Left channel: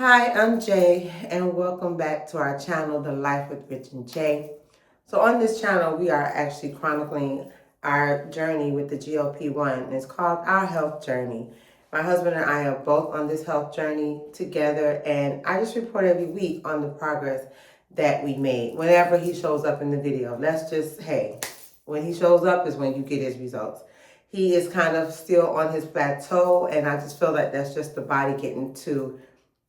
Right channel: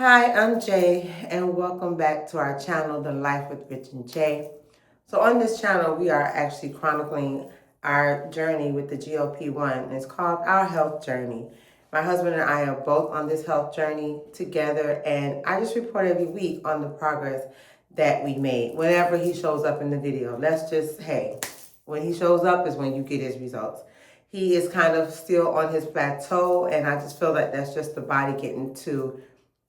Hi, I'm Jay, and welcome back to our channel, The Life with Rich and Jay. So on this channel, we are actually chronicling our journey with the GLP-1, and it's called Our Health Journey. My husband and I are both on this health journey together, and I just report every week on the progress that we made whenever he shows up in the video. When he shows up is when you get his results. He is kind of still on his plateau, and I just feel like that's just the body getting to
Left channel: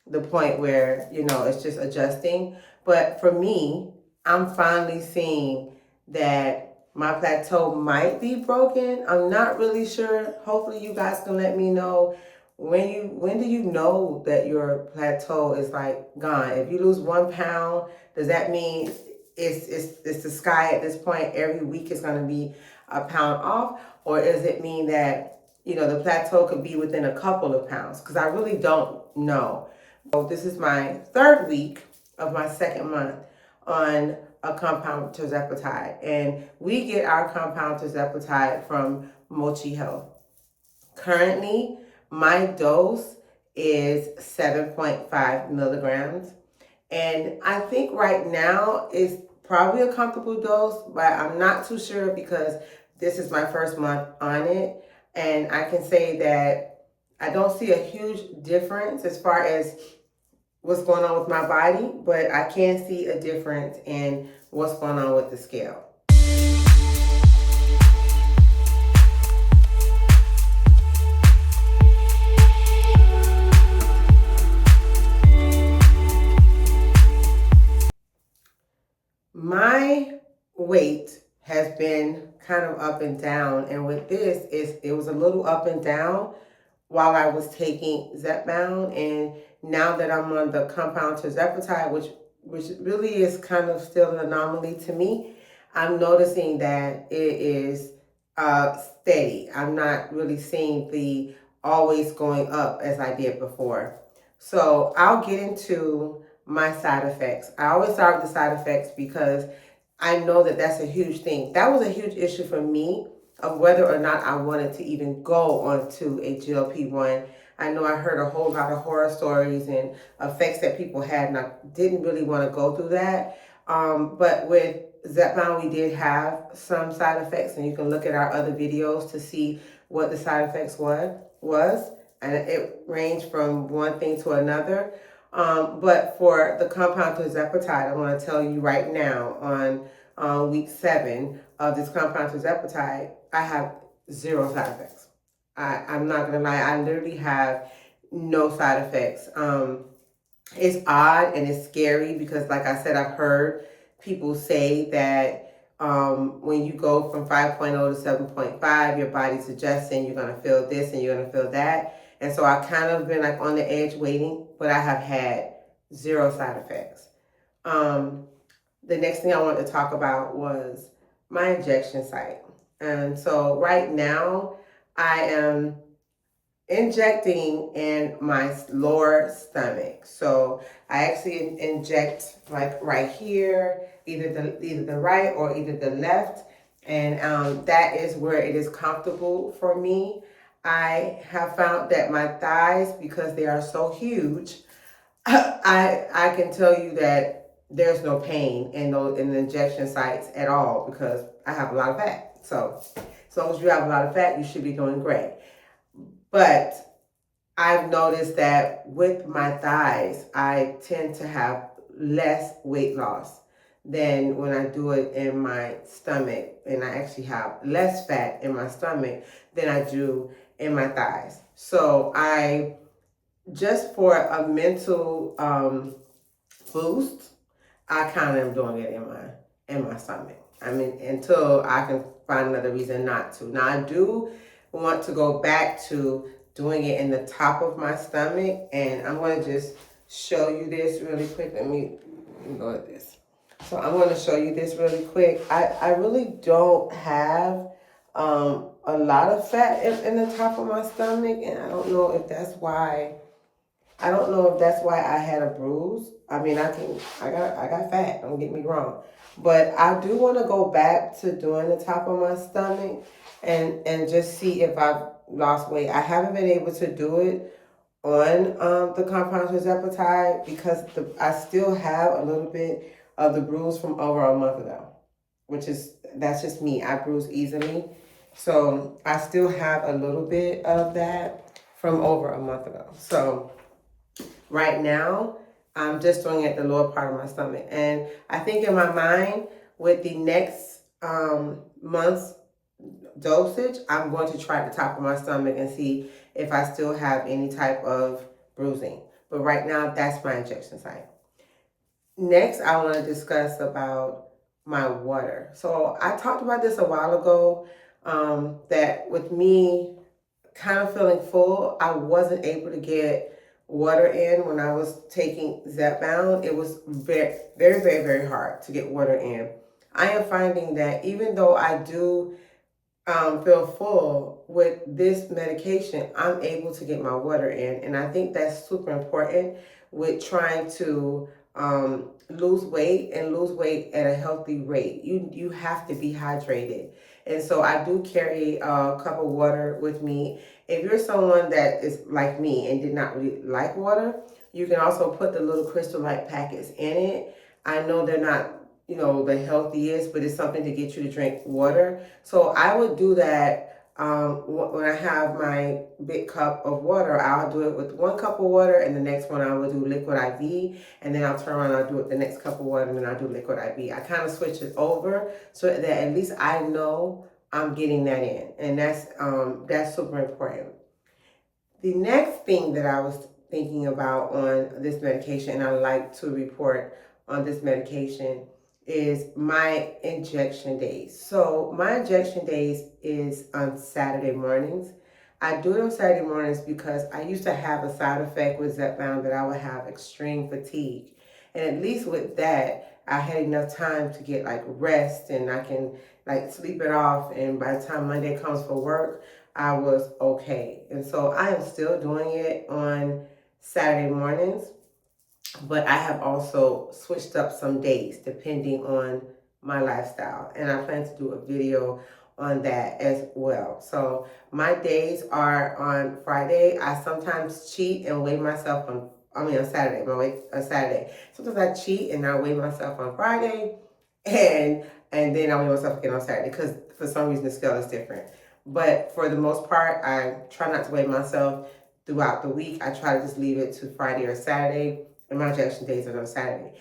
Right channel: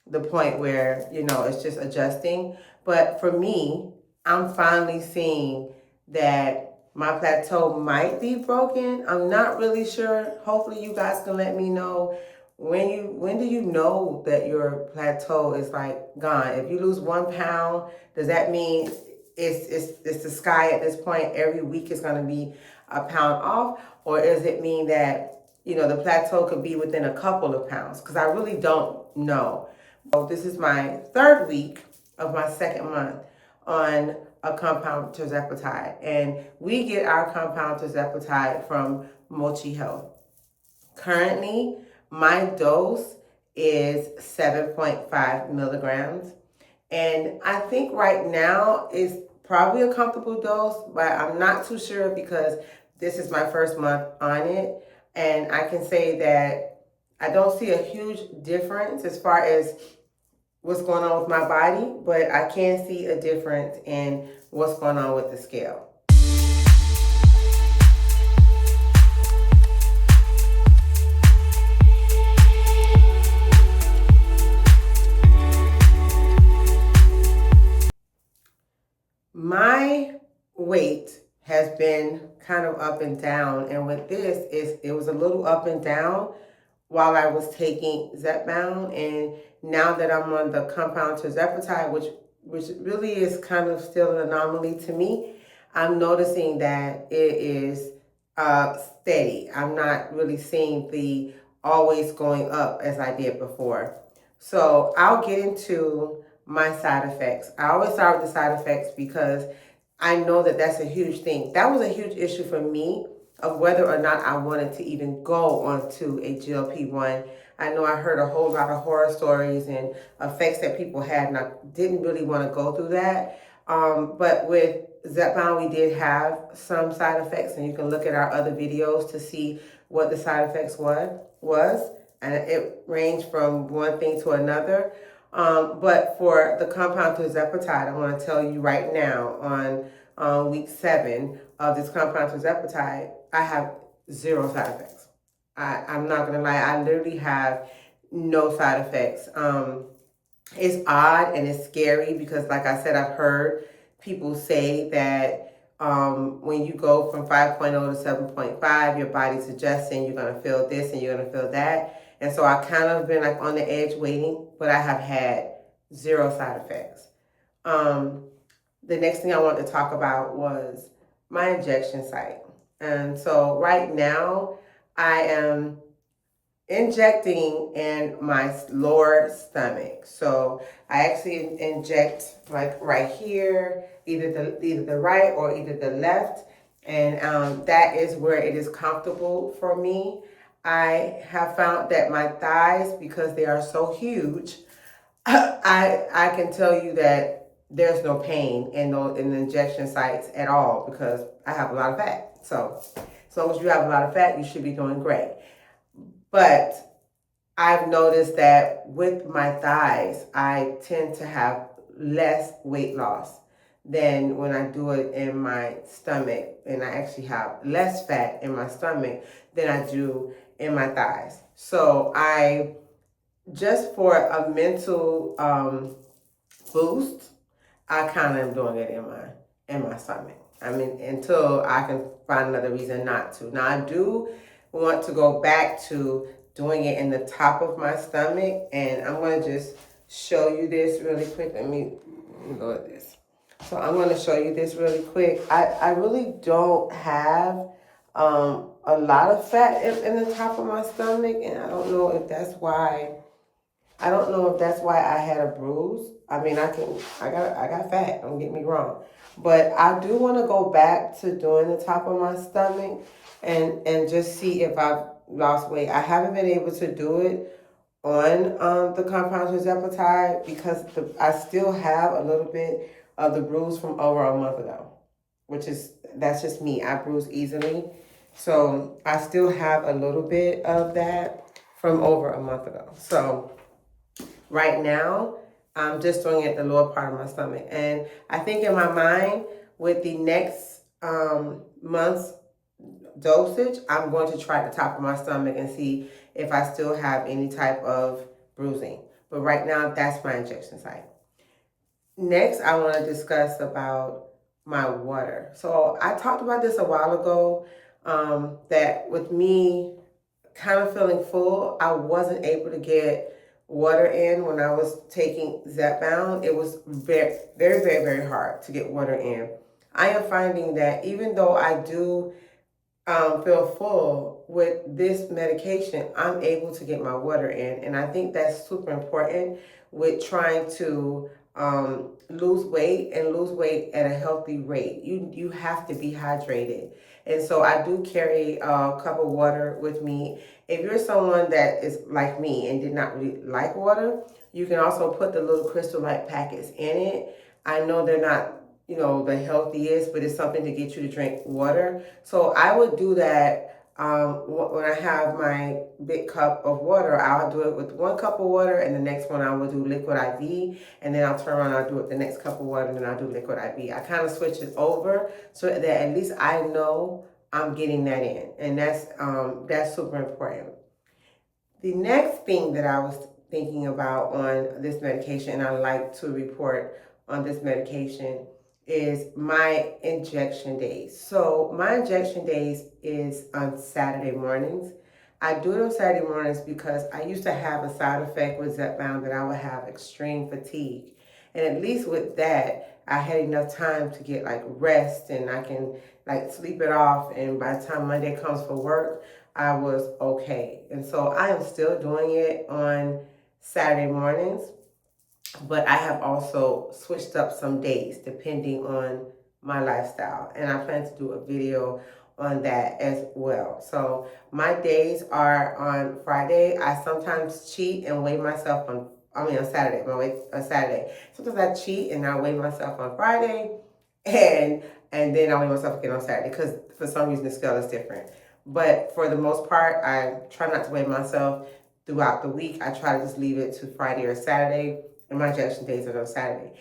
the point where, it's just adjusting. But for me, I'm finally seeing that my plateau might be broken. I'm not really sure. Hopefully you guys can let me know when do you know that your plateau is like gone? If you lose 1 pound, does that mean it's the sky at this point? Every week is going to be a pound off, or does it mean that the plateau could be within a couple of pounds? Because I really don't know. So this is my third week of my second month on a compound Tirzepetide, and we get our compound Tirzepetide from Mochi Health. Currently, my dose is 7.5 milligrams, and I think right now is probably a comfortable dose, but I'm not too sure because this is my first month on it, and I can say that I don't see a huge difference as far as what's going on with my body, but I can see a difference in what's going on with the scale. My weight has been kind of up and down, and with this, it was a little up and down while I was taking Zepbound, and now that I'm on the compound Tirzepetide, which really is kind of still an anomaly to me, I'm noticing that it is steady. I'm not really seeing the always going up as I did before. So I'll get into my side effects. I always start with the side effects because I know that that's a huge thing. That was a huge issue for me of whether or not I wanted to even go onto a GLP-1. I know I heard a whole lot of horror stories and effects that people had, and I didn't really want to go through that. But with Zepbound, we did have some side effects, and you can look at our other videos to see what the side effects was, and it ranged from one thing to another. But for the compound Tirzepetide, I want to tell you right now on week 7 of this compound Tirzepetide, I have 0 side effects. I'm not going to lie. I literally have no side effects. It's odd and it's scary because, like I said, I've heard people say that when you go from 5.0 to 7.5, your body's adjusting. You're going to feel this and you're going to feel that. And so I've kind of been like on the edge waiting, but I have had 0 side effects. The next thing I wanted to talk about was my injection site. And so right now I am injecting in my lower stomach. So I actually inject like right here, either the right or either the left. And that is where it is comfortable for me. I have found that my thighs, because they are so huge, I can tell you that there's no pain in the injection sites at all because I have a lot of fat. So as long as you have a lot of fat, you should be doing great. But I've noticed that with my thighs, I tend to have less weight loss than when I do it in my stomach. And I actually have less fat in my stomach than I do in my thighs. So just for a mental boost, I kind of am doing it in my stomach. I mean, until I can find another reason not to. Now, I do want to go back to doing it in the top of my stomach, and I'm going to just show you this really quick. Let me go at this. So I'm going to show you this really quick. I really don't have a lot of fat in the top of my stomach, and I don't know if that's why. I don't know if that's why I had a bruise. I mean, I got fat, don't get me wrong. But I do want to go back to doing the top of my stomach and just see if I've lost weight. I haven't been able to do it on the compound Tirzepatide because I still have a little bit of the bruise from over a month ago, which is, that's just me. I bruise easily. So I still have a little bit of that from over a month ago. So right now, I'm just doing it the lower part of my stomach. And I think in my mind, with the next month's dosage, I'm going to try the top of my stomach and see if I still have any type of bruising. But right now, that's my injection site. Next, I want to discuss about my water. So I talked about this a while ago, that with me kind of feeling full, I wasn't able to get water in when I was taking Zepbound. It was very, very, very, very hard to get water in. I am finding that even though I do feel full with this medication, I'm able to get my water in. And I think that's super important with trying to lose weight and lose weight at a healthy rate. You have to be hydrated. And so I do carry a cup of water with me. If you're someone that is like me and did not really like water, you can also put the little Crystal Light packets in it. I know they're not, the healthiest, but it's something to get you to drink water. So I would do that when I have my big cup of water. I'll do it with one cup of water, and the next one I will do liquid IV, and then I'll turn around and I'll do it the next cup of water, and then I'll do liquid IV. I kind of switch it over so that at least I know I'm getting that in, and that's super important. The next thing that I was thinking about on this medication, and I like to report on this medication, is my injection days. So my injection days is on Saturday mornings. I do it on Saturday mornings because I used to have a side effect with Zepbound that I would have extreme fatigue. And at least with that, I had enough time to get like rest and I can like sleep it off. And by the time Monday comes for work, I was okay. And so I am still doing it on Saturday mornings, but I have also switched up some days depending on my lifestyle. And I plan to do a video on that as well. So my days are on Friday. I sometimes cheat and weigh myself on Saturday. My weight on Saturday. Sometimes I cheat and I weigh myself on Friday, and then I weigh myself again on Saturday because for some reason the scale is different. But for the most part, I try not to weigh myself throughout the week. I try to just leave it to Friday or Saturday, and my injection days are on Saturday.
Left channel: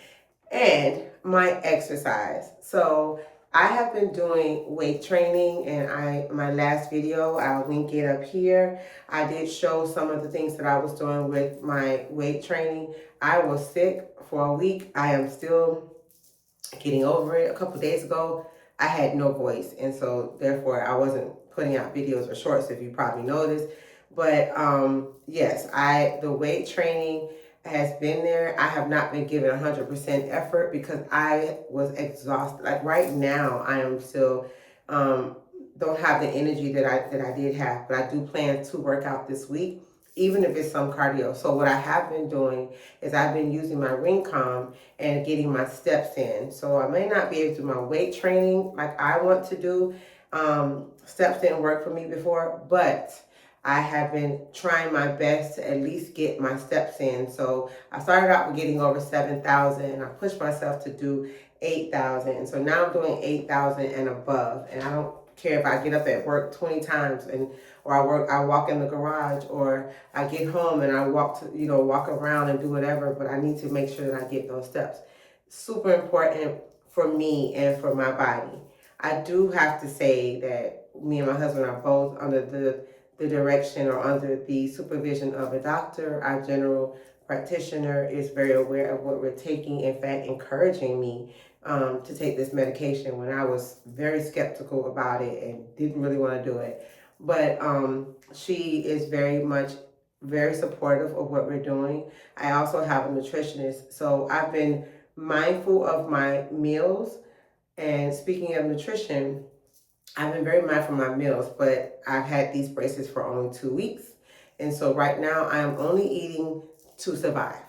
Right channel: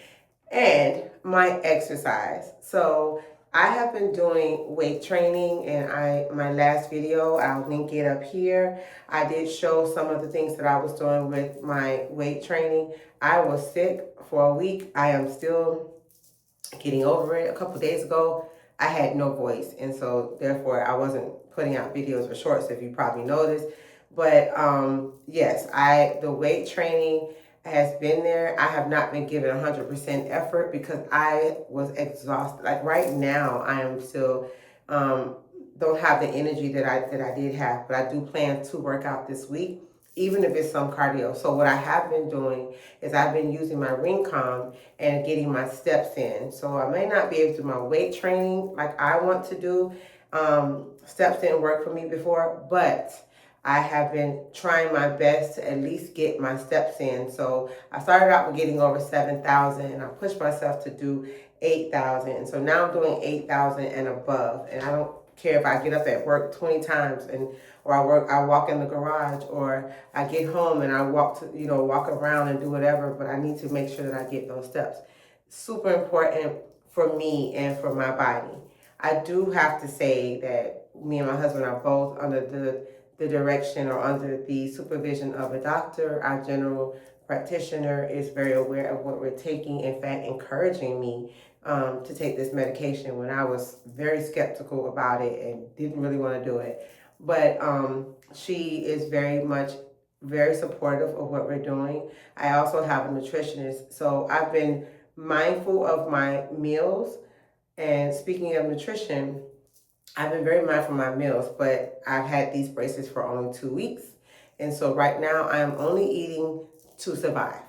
And my exercise. So I have been doing weight training, and my last video, I'll link it up here. I did show some of the things that I was doing with my weight training. I was sick for a week. I am still getting over it. A couple of days ago, I had no voice, and so therefore I wasn't putting out videos or shorts, if you probably noticed. But yes, the weight training has been there. I have not been given 100% effort because I was exhausted. Like right now, I am still don't have the energy that I did have, but I do plan to work out this week, even if it's some cardio. So what I have been doing is I've been using my Ringcom and getting my steps in. So I may not be able to do my weight training like I want to do. Steps didn't work for me before, but I have been trying my best to at least get my steps in. So I started out with getting over 7,000 and I pushed myself to do 8,000. And so now I'm doing 8,000 and above. And I don't care if I get up at work 20 times or I walk in the garage, or I get home and I walk around and do whatever, but I need to make sure that I get those steps. Super important for me and for my body. I do have to say that me and my husband are both under the direction or under the supervision of a doctor. Our general practitioner is very aware of what we're taking, in fact, encouraging me to take this medication when I was very skeptical about it and didn't really want to do it. But she is very supportive of what we're doing. I also have a nutritionist, so I've been mindful of my meals. And speaking of nutrition, I've been very mindful of my meals, but I've had these braces for only 2 weeks. And so right now I am only eating to survive.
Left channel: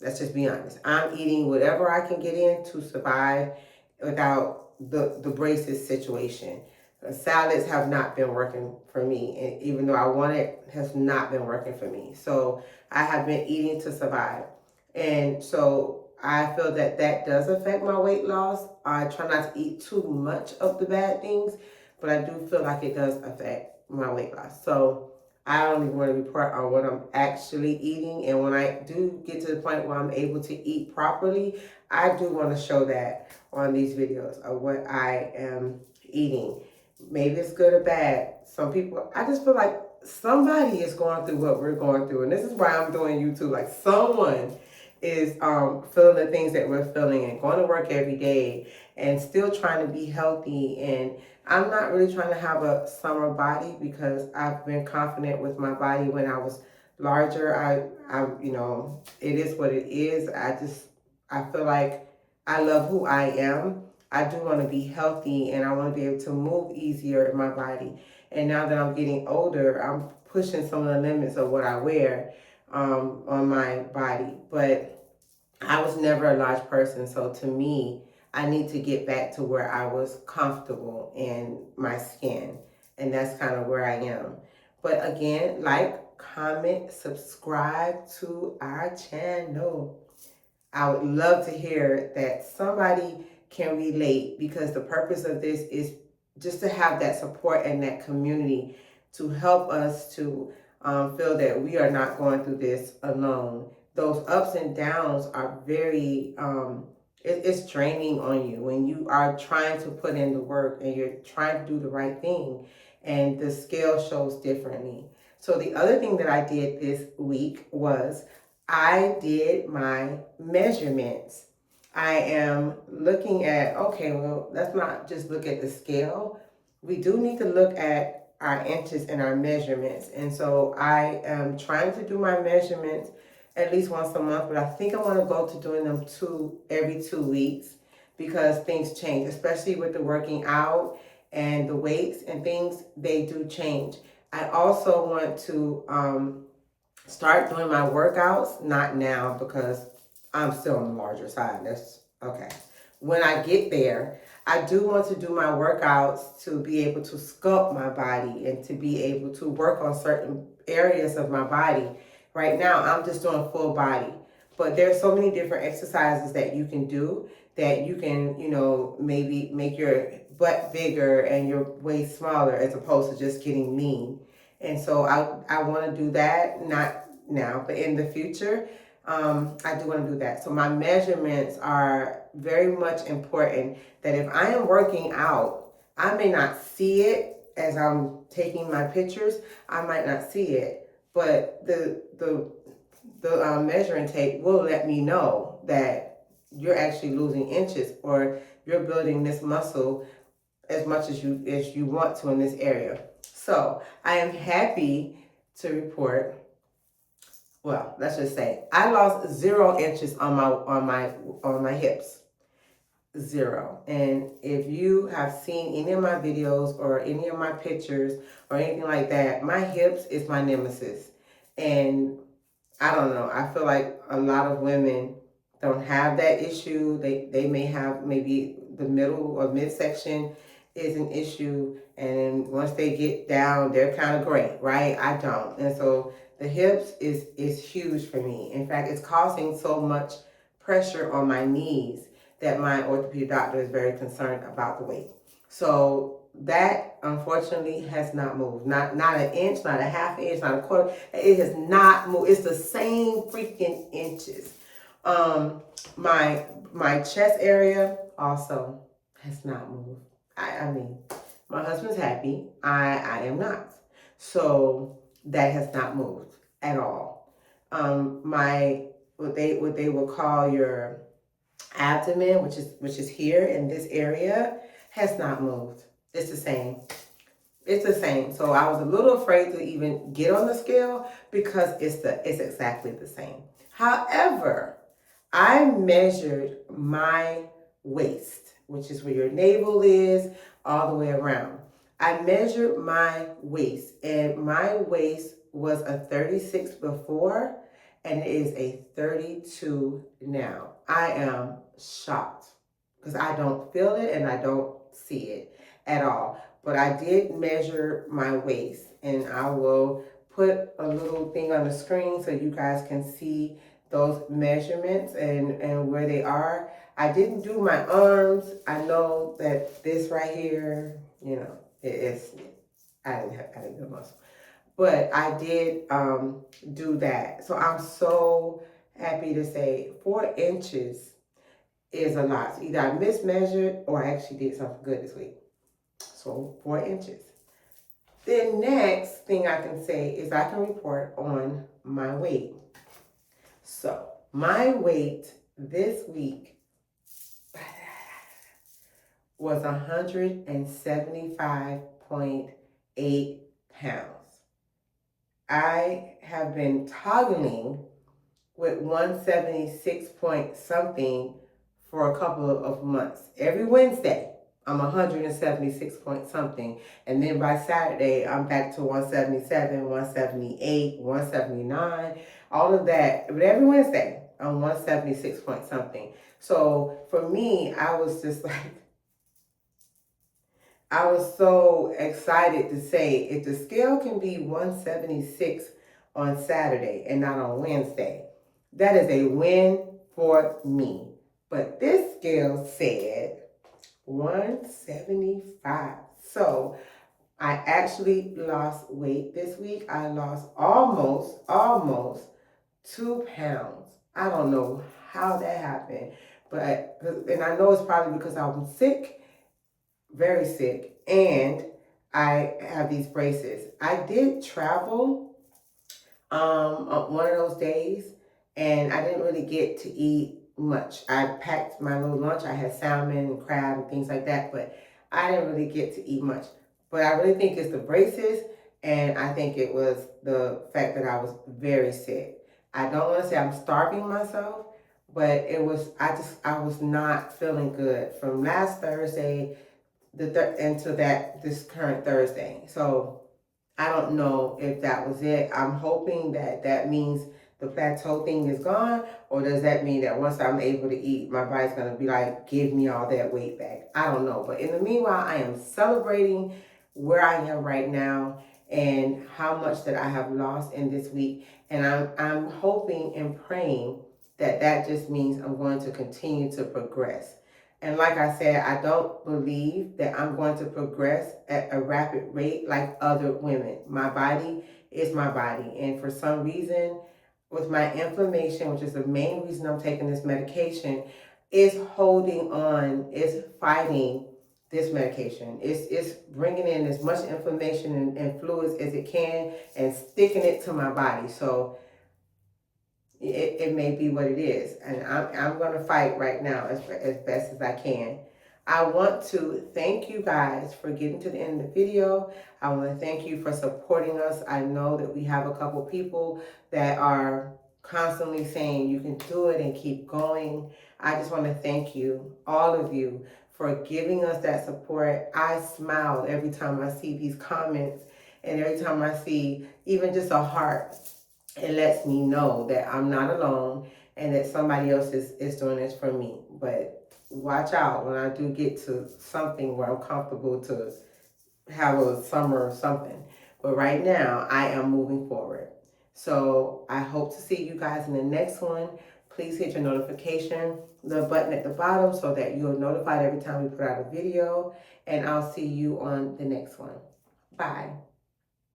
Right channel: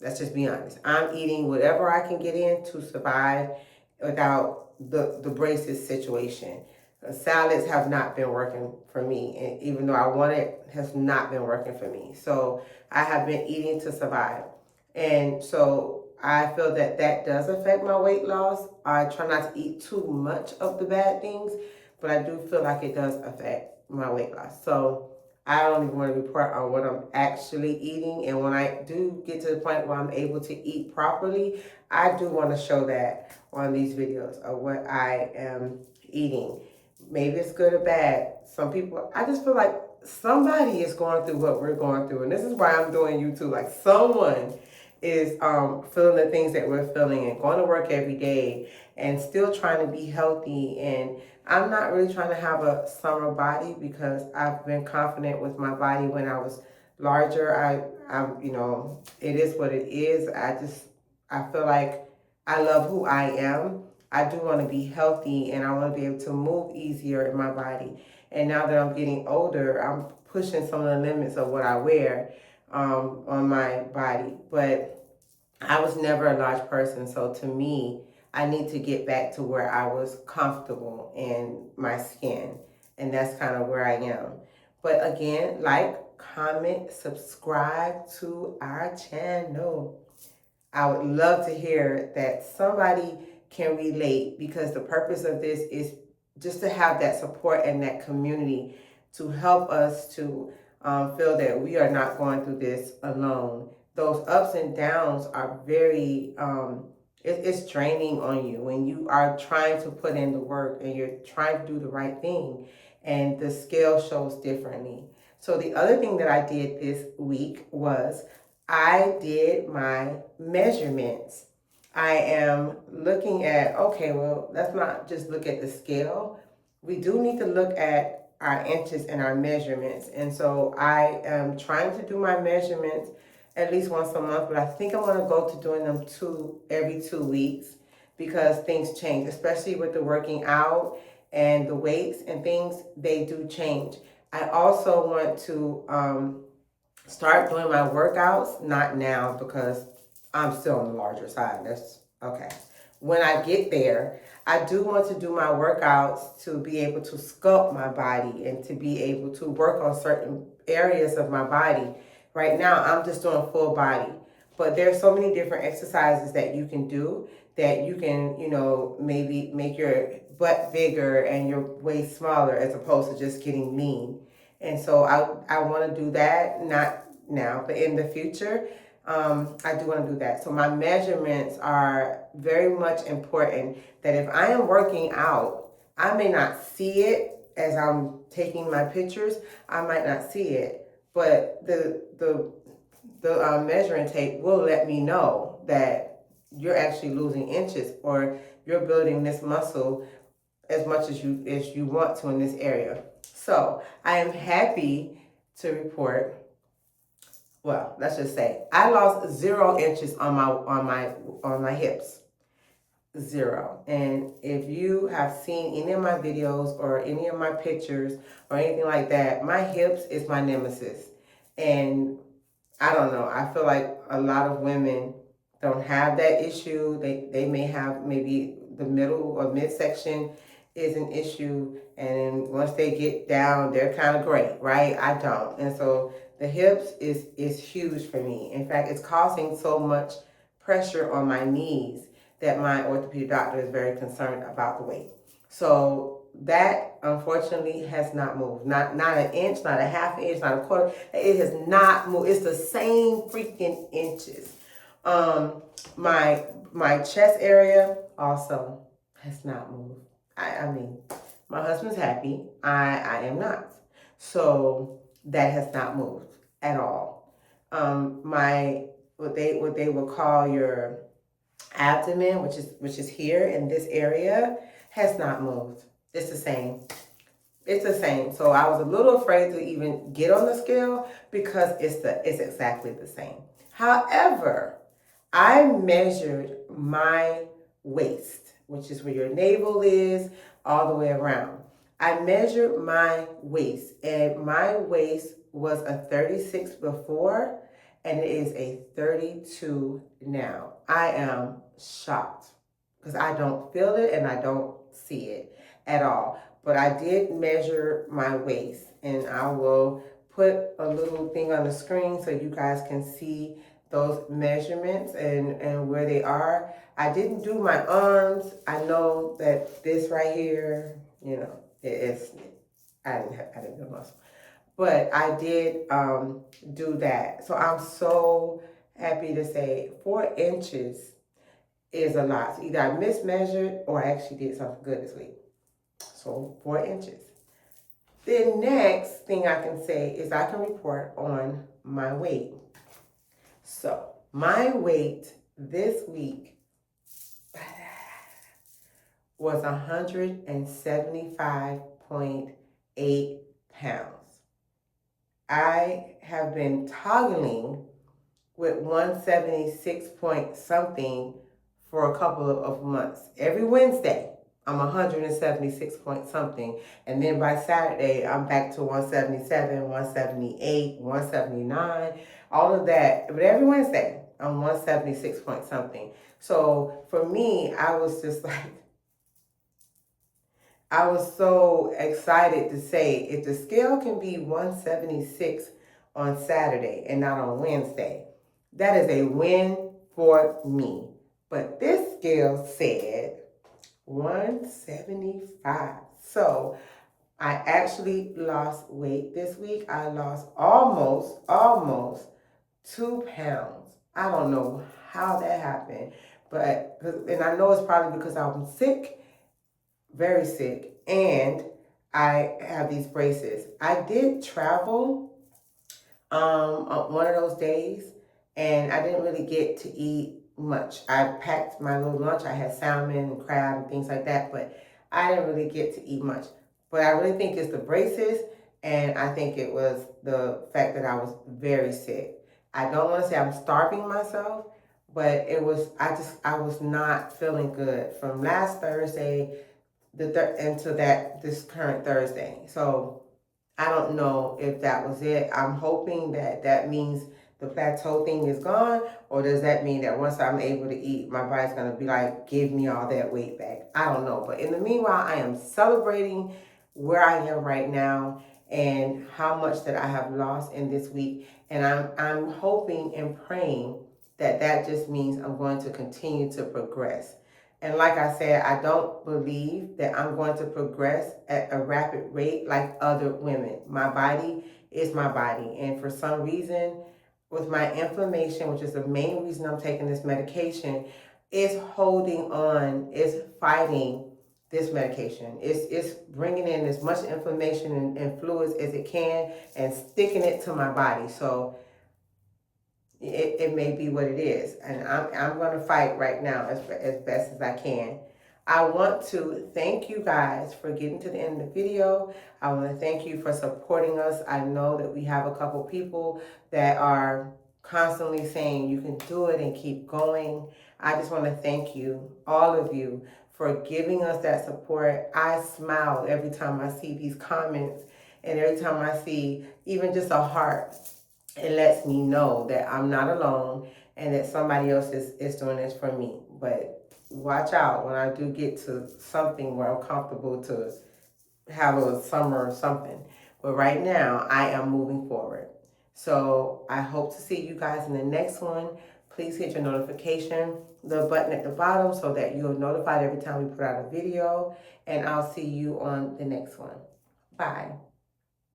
Let's just be honest. I'm eating whatever I can get in to survive without the braces situation. Salads have not been working for me, and even though I want it, has not been working for me. So I have been eating to survive, and so I feel that that does affect my weight loss. I try not to eat too much of the bad things, but I do feel like it does affect my weight loss. So I don't even want to report on what I'm actually eating, and when I do get to the point where I'm able to eat properly, I do want to show that on these videos of what I am eating. Maybe it's good or bad. Some people, I just feel like somebody is going through what we're going through. And this is why I'm doing YouTube. Like someone is feeling the things that we're feeling and going to work every day and still trying to be healthy. And I'm not really trying to have a summer body because I've been confident with my body when I was larger. It is what it is. I feel like I love who I am. I do want to be healthy and I want to be able to move easier in my body. And now that I'm getting older, I'm pushing some of the limits of what I wear on my body. But I was never a large person. So to me, I need to get back to where I was comfortable in my skin. And that's kind of where I am. But again, like, comment, subscribe to our channel. I would love to hear that somebody can relate, because the purpose of this is just to have that support and that community to help us to feel that we are not going through this alone. Those ups and downs are very, it's draining on you when you are trying to put in the work and you're trying to do the right thing and the scale shows differently. So the other thing that I did this week was I did my measurements. I am looking at, okay, well, let's not just look at the scale. We do need to look at our inches and our measurements. And so I am trying to do my measurements at least once a month, but I think I'm going to go to doing them every 2 weeks because things change, especially with the working out and the weights and things, they do change. I also want to start doing my workouts, not now because I'm still on the larger side. That's okay. When I get there, I do want to do my workouts to be able to sculpt my body and to be able to work on certain areas of my body. Right now, I'm just doing full body, but there's so many different exercises that you can do that you can, maybe make your butt bigger and your waist smaller as opposed to just getting lean. And so I want to do that, not now, but in the future, I do want to do that. So my measurements are very much important, that if I am working out, I may not see it as I'm taking my pictures. I might not see it, but the measuring tape will let me know that you're actually losing inches or you're building this muscle as much as you want to in this area. So I am happy to report, well, let's just say I lost 0 inches on my hips. 0. And if you have seen any of my videos or any of my pictures or anything like that, my hips is my nemesis. And I don't know, I feel like a lot of women don't have that issue. They may have, maybe the middle or midsection is an issue, and then once they get down, they're kind of great, right? I don't. And so the hips is huge for me. In fact, it's causing so much pressure on my knees that my orthopedic doctor is very concerned about the weight. So that unfortunately has not moved. Not an inch, not a half inch, not a quarter. It has not moved. It's the same freaking inches. My chest area also has not moved. I mean, my husband's happy. I am not. So that has not moved at all. My what they will call your abdomen, which is here in this area, has not moved. It's the same. It's the same. So I was a little afraid to even get on the scale because it's exactly the same. However, I measured my waist, which is where your navel is, all the way around. I measured my waist, and my waist was a 36 before, and it is a 32 now. I am shocked because I don't feel it and I don't see it at all. but I did measure my waist, and I will put a little thing on the screen so you guys can see those measurements and where they are. I didn't do my arms. I know that this right here, you know, I didn't do muscle. But I did do that. So I'm so happy to say 4 inches is a lot. So either I mismeasured or I actually did something good this week. So 4 inches. The next thing I can say is I can report on my weight. So my weight this week was 175.8 pounds. I have been toggling with 176 point something for a couple of months. Every Wednesday, I'm 176 point something. And then by Saturday, I'm back to 177, 178, 179, all of that. But every Wednesday, I'm 176 point something. So for me, I was just like, I was so excited to say if the scale can be 176 on Saturday and not on Wednesday, that is a win for me. But this scale said 175. So I actually lost weight this week. I lost almost 2 pounds. I don't know how that happened, and I know it's probably because I'm sick, very sick, and I have these braces. I did travel on one of those days, and I didn't really get to eat much. I packed my little lunch. I had salmon and crab and things like that, but I didn't really get to eat much. But I really think it's the braces, and I think it was the fact that I was very sick. I don't want to say I'm starving myself, but I was not feeling good from last Thursday into this current Thursday. So I don't know if that was it. I'm hoping that that means the plateau thing is gone, or does that mean that once I'm able to eat, my body's going to be like, give me all that weight back? I don't know. But in the meanwhile, I am celebrating where I am right now and how much that I have lost in this week. And I'm hoping and praying that that just means I'm going to continue to progress. And like I said, I don't believe that I'm going to progress at a rapid rate like other women. My body is my body. And for some reason, with my inflammation, which is the main reason I'm taking this medication, is holding on, is fighting this medication. It's bringing in as much inflammation and fluids as it can and sticking it to my body. So it may be what it is. And I'm going to fight right now as best as I can. I want to thank you guys for getting to the end of the video. I want to thank you for supporting us. I know that we have a couple people that are constantly saying you can do it and keep going. I just want to thank you, all of you, for giving us that support. I smile every time I see these comments, and every time I see even just a heart. It lets me know that I'm not alone and that somebody else is doing this for me. But watch out when I do get to something where I'm comfortable to have a summer or something. But right now, I am moving forward. So I hope to see you guys in the next one. Please hit your notification, the button at the bottom, so that you're notified every time we put out a video. And I'll see you on the next one. Bye.